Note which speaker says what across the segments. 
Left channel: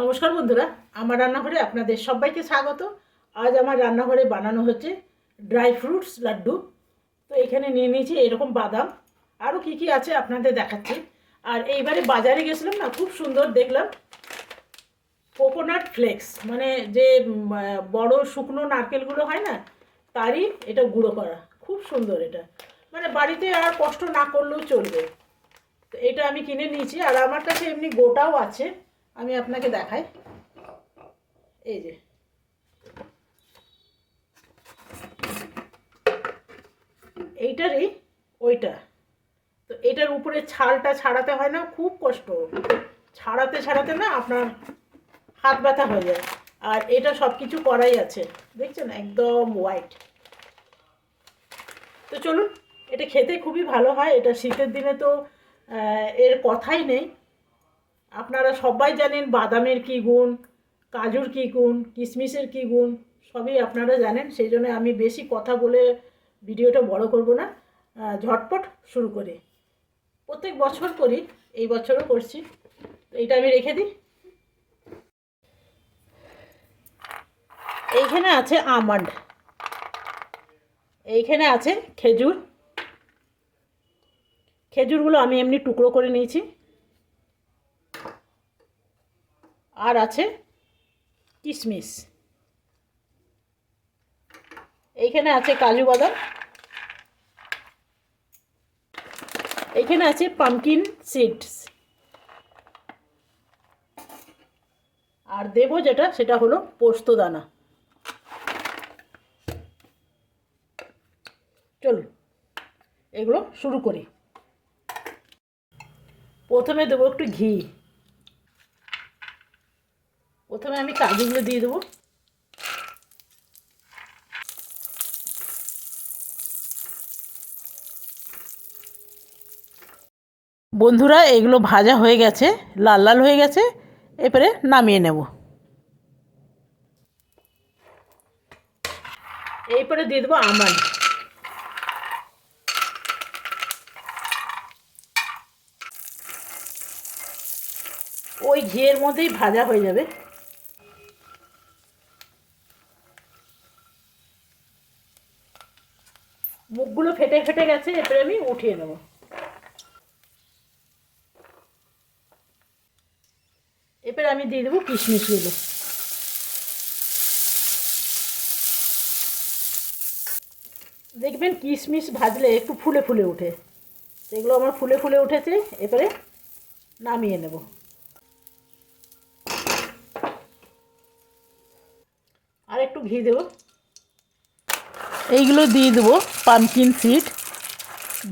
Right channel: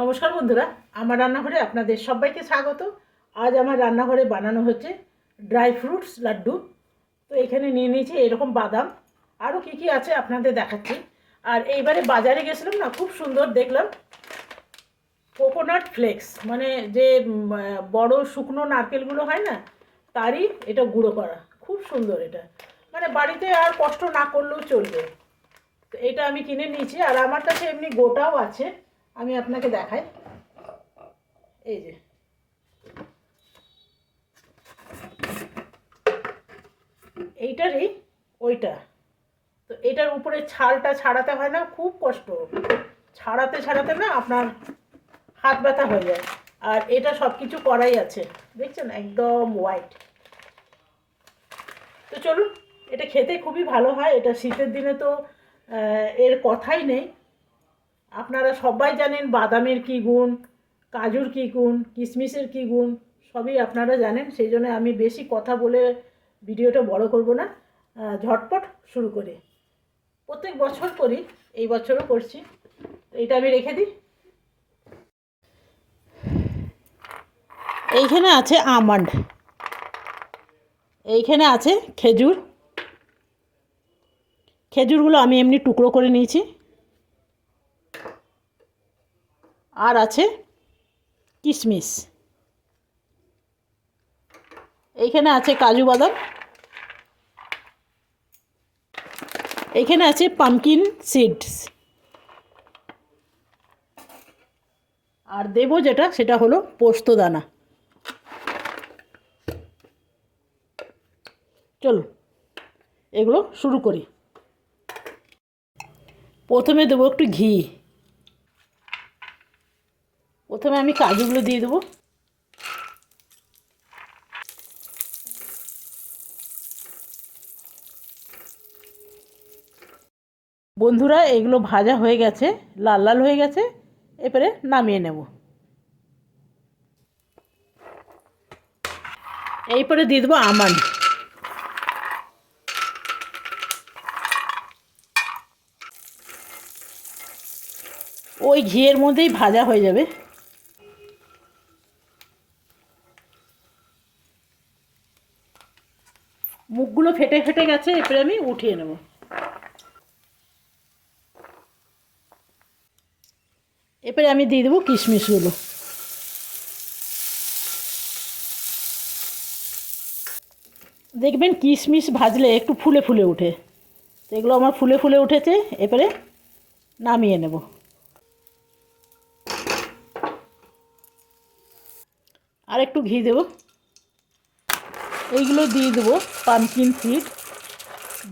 Speaker 1: নমস্কার বন্ধুরা, আমার রান্নাঘরে আপনাদের সবাইকে স্বাগত। আজ আমার রান্নাঘরে বানানো হচ্ছে ড্রাই ফ্রুটস লাড্ডু। তো এখানে নিয়ে নিয়েছি এরকম বাদাম। আরও কি কি আছে আপনাদের দেখাচ্ছি। আর এইবারে বাজারে গেছিলাম না, খুব সুন্দর দেখলাম। কোকোনাট ফ্লেক্স মানে যে বড় শুকনো নারকেলগুলো হয় না, তারই এটা গুঁড়ো করা। খুব সুন্দর এটা। মানে বাড়িতে আর কষ্ট না করলেও চলবে। তো এটা আমি কিনে নিয়েছি, আর আমার কাছে এমনি গোটাও আছে। আমি আপনাকে দেখাই। এই যে। এইটারই ওইটা। তো এটার উপরে ছালটা ছাড়াতে হয় না, খুব কষ্ট। ছাড়াতে ছাড়াতে না আপনার হাত ব্যথা হয়ে যায়। আর এটা সব কিছু করাই আছে। দেখছেন? একদম হোয়াইট তো চলুন, এটা খেতে খুবই ভালো হয়। এটা শীতের দিনে তো এর কথাই নেই। আপনারা সবাই জানেন বাদামের কী গুণ, কাজুর কী গুণ কিশমিশের কী গুণ, সবই আপনারা জানেন, সেই জন্য আমি বেশি কথা বলে ভিডিওটা বড় করব না ঝটপট শুরু করি। প্রত্যেক বছর করি, এই বছরও করছি। এইটা আমি রেখে দিই। এইখানে আছে আমন্ড। এইখানে আছে খেজুর। খেজুরগুলো আমি এমনি টুকরো করে নিয়েছি। আর আছে কিশমিশ এইখানে আছে কাজু বাদাম। এইখানে আছে পামকিন সিডস আর দেবো যেটা, সেটা হলো পোস্ত দানা। চলুন এগুলো শুরু করি। প্রথমে দেবো একটু ঘি। প্রথমে আমি কাজুগুলো দিয়ে দেবো। বন্ধুরা, এগুলো ভাজা হয়ে গেছে, লাল লাল হয়ে গেছে এরপরে নামিয়ে নেব। এইপরে দিয়ে দেবো আমন্ড। ওই ঘিয়ের মধ্যেই ভাজা হয়ে যাবে। মুখগুলো ফেটে ফেটে গেছে, এরপরে আমি উঠিয়ে নেব। এরপরে আমি দিয়ে দেবো কিশমিশগুলো দেখবেন কিশমিশ ভাজলে একটু ফুলে ফুলে ওঠে এগুলো আমার ফুলে ফুলে উঠেছে, এরপরে নামিয়ে নেব। আর একটু ঘি দেবো। এইগুলো দিয়ে দেবো পামকিন সিড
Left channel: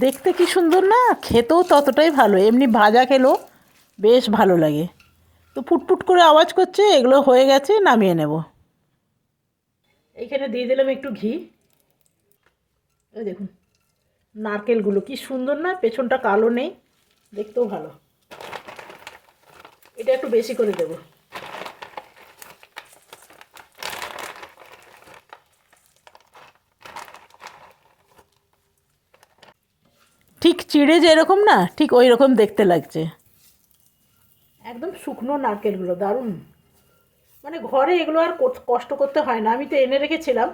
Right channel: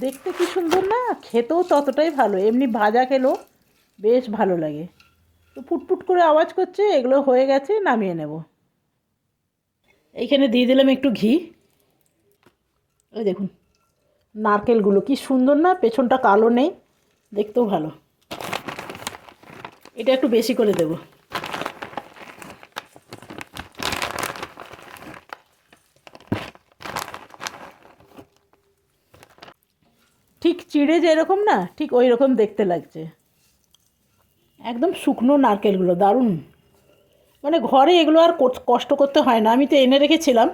Speaker 1: দেখতে কি সুন্দর না? খেতেও ততটাই ভালো। এমনি ভাজা খেলেও বেশ ভালো লাগে। তো ফুটফুট করে আওয়াজ করছে, এগুলো হয়ে গেছে, নামিয়ে নেব। এইখানে দিয়ে দিলাম একটু ঘি। ওই দেখুন, নারকেলগুলো কি সুন্দর না? পেছনটা কালো নেই, দেখতেও ভালো। এটা একটু বেশি করে দেবো ঠিক চিড়ে যেরকম না, ঠিক ওই রকম দেখতে লাগছে। একদম শুকনো নারকেলগুলো, দারুণ। মানে ঘরে এগুলো আর কষ্ট করতে হয় না। আমি তো এনে রেখেছিলাম।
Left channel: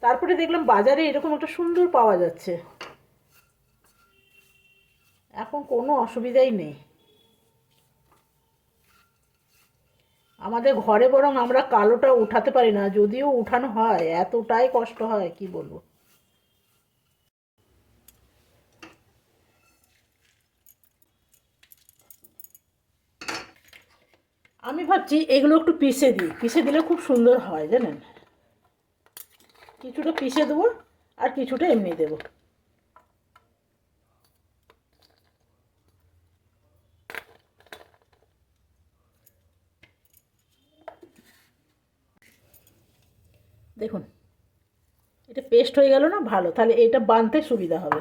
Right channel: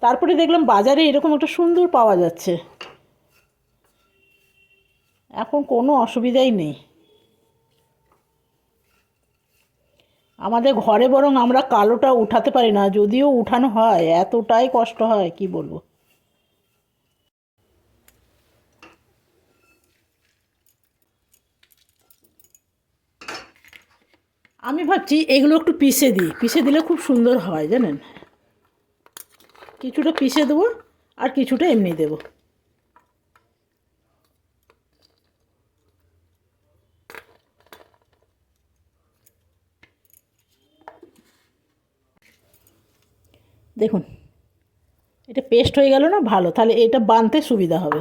Speaker 1: তারপরে দেখলাম বাজারে এরকম একটা সুন্দর পাওয়া যাচ্ছে। এখন কোনো অসুবিধাই নেই। আমাদের ঘরে বরং আমরা কালোটা উঠাতে পারি না, যদিও উঠানো হয়, এতটাই কষ্ট হয়, কি বলব? আমি এগুলো একটু পিষে দিই। পিষে দিলে খুব সুন্দর হয়, জানেন? কিছুটা পিষে দেবো আর কিছুটা এমনি দেবো। দেখুন, এটা পেস্ট হয়ে গেল না? ভালো, তাহলে এটা বানতে সুবিধা হবে।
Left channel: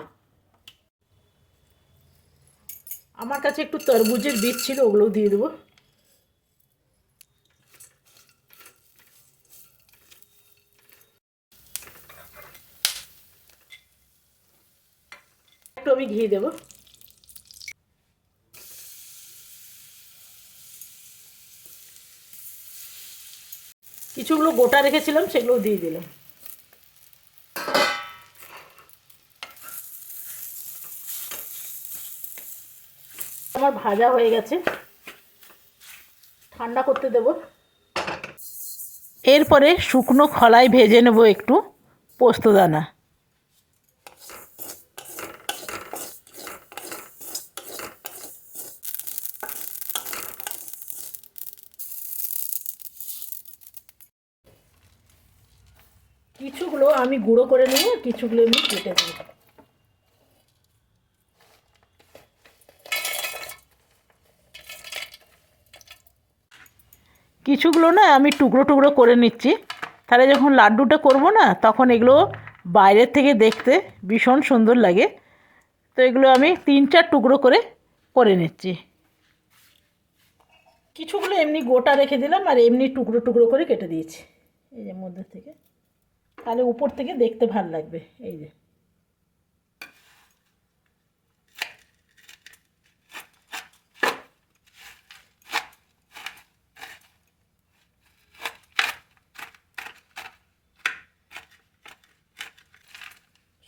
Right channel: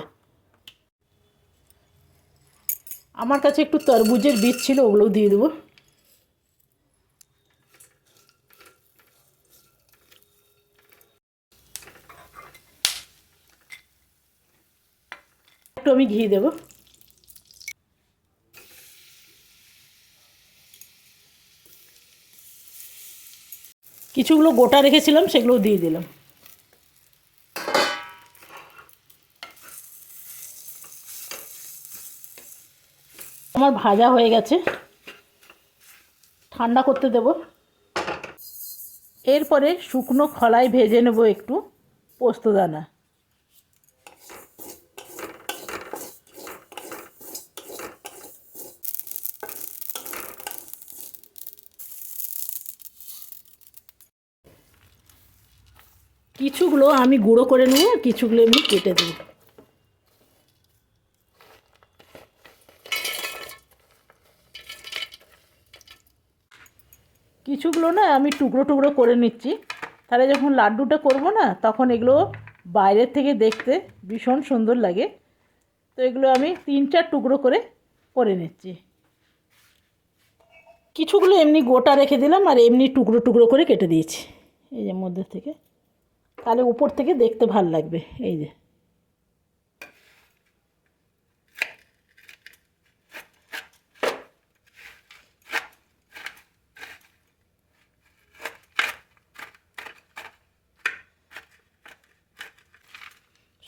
Speaker 1: আমার কাছে একটু তরমুজের বীজ ছিল, ওগুলোও দিয়ে দেবো। আমি ঘি দেবো। কিছুগুলো গোটা রেখেছিলাম সেগুলো দিয়ে দিলাম। আমার ভাজা হয়ে গেছে। ঠান্ডা করতে দেব। এরপরে শুকনো খলায় ভেজে নেব একটু পোস্তদানা। কিছুগুলো আমি গুঁড়ো করে নিয়ে কিছুগুলো এমনি কেটে দিই। কিছুগুলো না আমি টুকরো টুকরো করে নিচ্ছি। তাহলে যখন লাড্ডুটা করব না, তখন এগুলো বাইরের থেকে দেখতে ভীষণ সুন্দর লাগে। তো এগুলো আমি তিন চার টুকরো করে করে নিচ্ছি। কিছুগুলো এমনি গোটা রেখে দিলাম আর এমনি টুকরো টুকরো করে কেটে দিয়েছি। এই যে মধ্যে থেকে। তাহলে উপর থেকে দেখতে ভালো লাগবে, এই যে।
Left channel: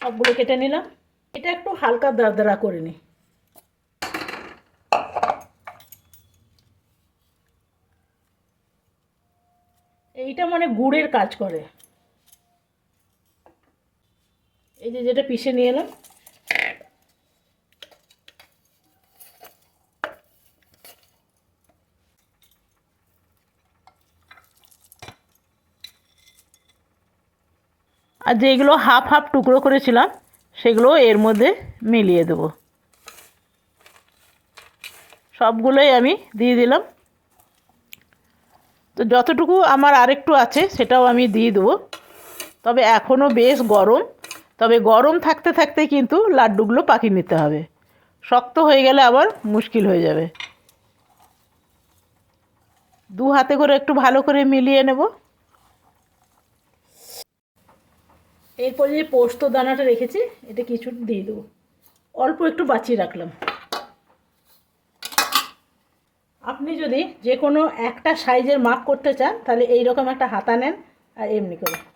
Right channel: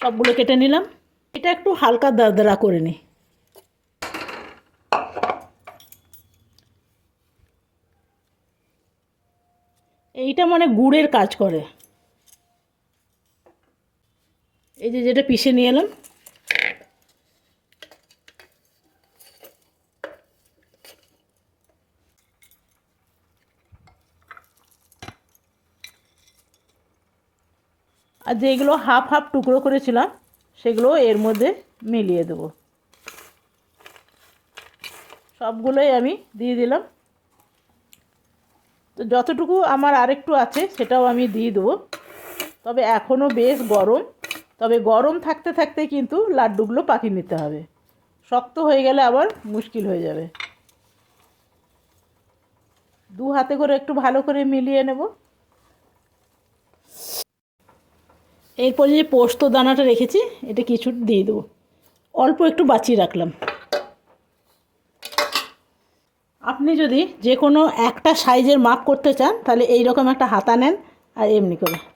Speaker 1: সবগুলো কেটে নিলাম। এটা একটু হালকা দারদারা করে নিই এইটা মানে গুড়ের কাজ করে এই যে যেটা পিষে নিয়ে এলাম। আর যেগুলো হাফ হাফ টুকরো করেছিলাম, সেগুলো এর মধ্যে মিলিয়ে দেবো। সবগুলোই আমি দিয়ে দিলাম। তো যতটুকু আমার আরেকটু আছে, সেটাও আমি দিয়ে দেবো। তবে এখনও বেশ গরম। তবে গরম থাকতে থাকতে কিন্তু লাড্ডুগুলো পাকিয়ে নিতে হবে। শক্ত হয়ে গেলে আবার মুশকিল হয়ে যাবে। দু হাতে করে একটু ভালো করে মিলিয়ে নেব। এরপরে যে পোস্ত দানাটা রেখেছি, এটা কিছু দিয়ে দেবো। অল্প একটু বাঁচিয়ে রাখলাম। আপনি যদি যে কোনো একটা সাইজের মাপ করতে চান, তাহলে এই রকম একটা হাতা নেন আর এমনি করে।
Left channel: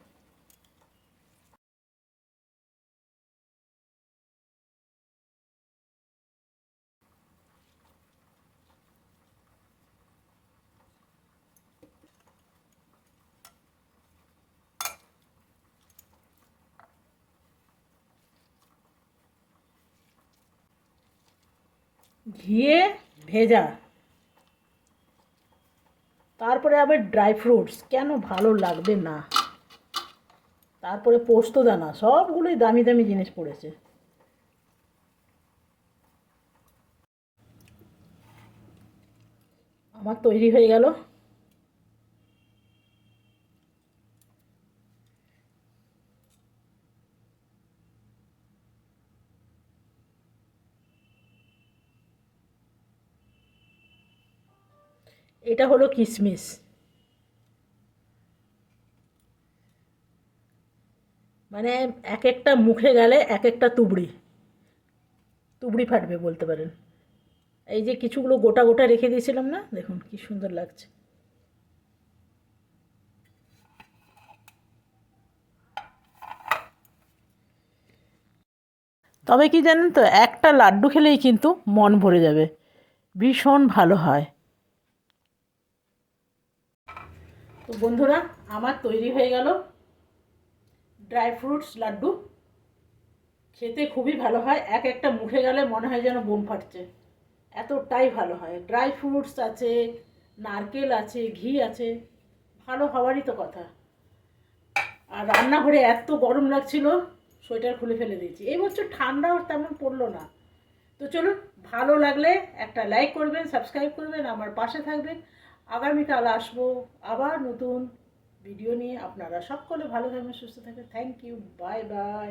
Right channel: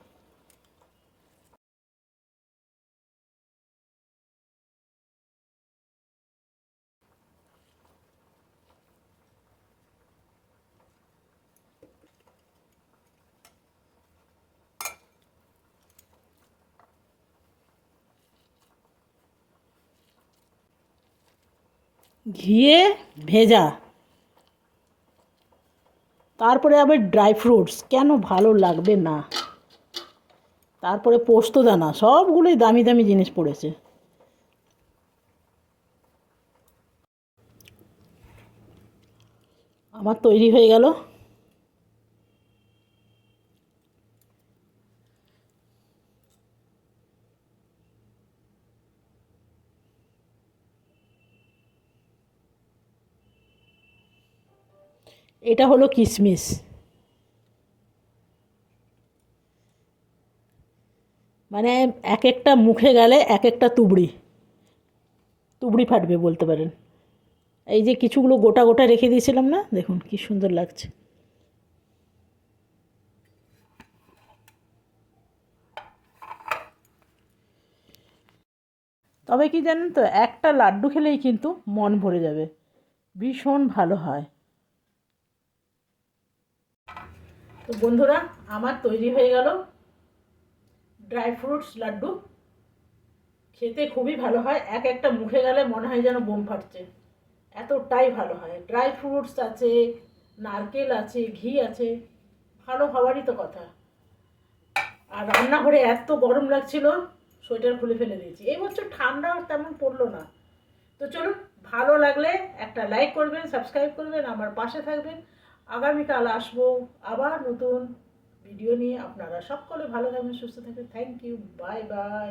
Speaker 1: ঘিয়ে ভেজা। তারপরে আবার ড্রাই ফ্রুটস কেন ভালো লাগবে না? তারপরে পোস্ত দানা, সবগুলোই দামি দামি জিনিস পড়েছে। আমার তৈরি হয়ে গেল। এটা হলো কিশমিশ মানে এক একটা মুখে গেলে এক একটা তুবড়ি। তুবড়ি ফাটবে বলতে পারেন। এই যে কিছুগুলো গোটা গোটা রেখে দিয়েছিলাম না, দেখুন কি সুন্দর লাগছে। তবে কি জানেন তো, একটা লাড্ডু খেলেই কিন্তু মন ভরে যাবে। ভীষণ ভালো হয়। তো বন্ধুরা, আমার তৈরি হয়ে গেল ড্রাই ফ্রুটস লাড্ডু। খেতে খুবই ভালো হয়, এক একটা মুখে গেলে মনে হয় যেন বোম ফাটছে। এতটাই ভালো হয়। ড্রাই ফ্রুটস আছে, নারকেল আছে, ঘি আছে, ভালো হওয়ারই তো কথা। আর রান্নাঘরে এত গরম লাগছিল, সোয়েটার খুলে ফেলে দিয়েছি। এই বছর ঠান্ডা তেমন পড়ল না। তো চলুন, ভালো লাগলে একটা লাইক করবেন সাবস্ক্রাইব করবেন, আমার পাশে থাকবেন। আগামীকাল আসব আবার নতুন ভিডিও নিয়ে। আপনারা সকলে ভালো থাকবেন, সুস্থ থাকবেন। Thank you bye bye